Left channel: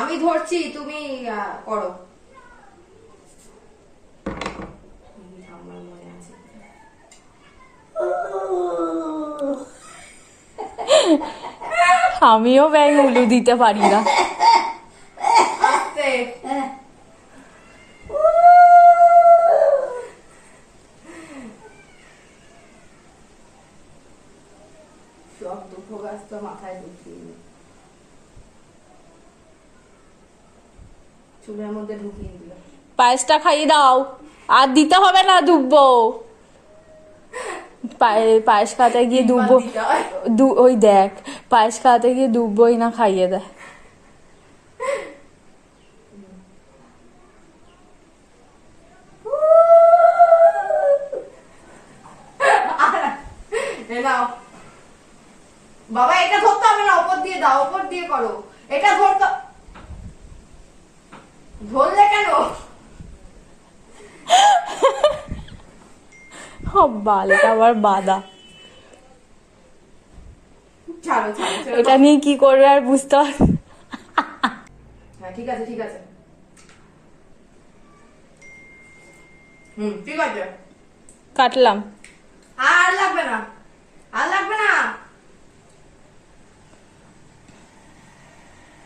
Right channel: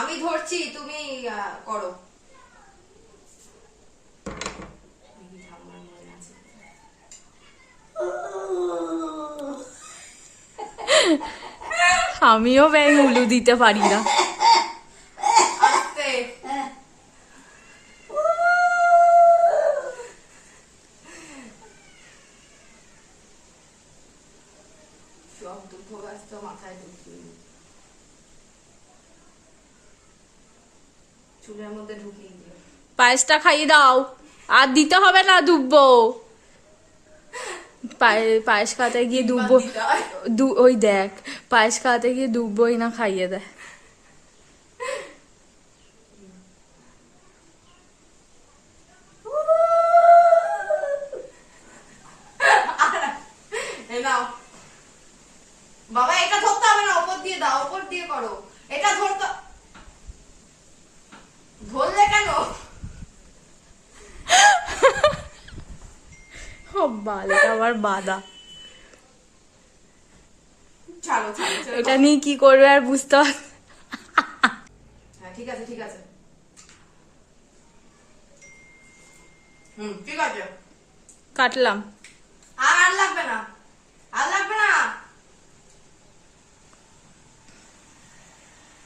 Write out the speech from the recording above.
আমি ধরছি তুমি করো। আমিও ব্যাং উলু দিতে পারি না। সব দুঃখ গাছ তো মাথায় ঢুকিয়ে চুলের মধ্যে ঢুকিয়ে দিল। পায়েসটা খাইয়ে দাও। আর দিতে হবে না ডুববো পায়ে- পায়েস খাতে গিয়ে ডুববো ওই দেখ পায়েস খাতে গিয়ে ডুববোই না খাইয়ে দেয় বাবা এটা ধরতে হবে না ওপর দিয়ে দাও ওপর দিয়ে করো। এটা ধরতে বালটা আবার বাদা। এটা নিয়ে কি করবে আর বুঝতে হ্যাঁ ঠিক আছে ঠিক আছে। হুম ঠিক আছে। কাটলাম। আর লাগবে না।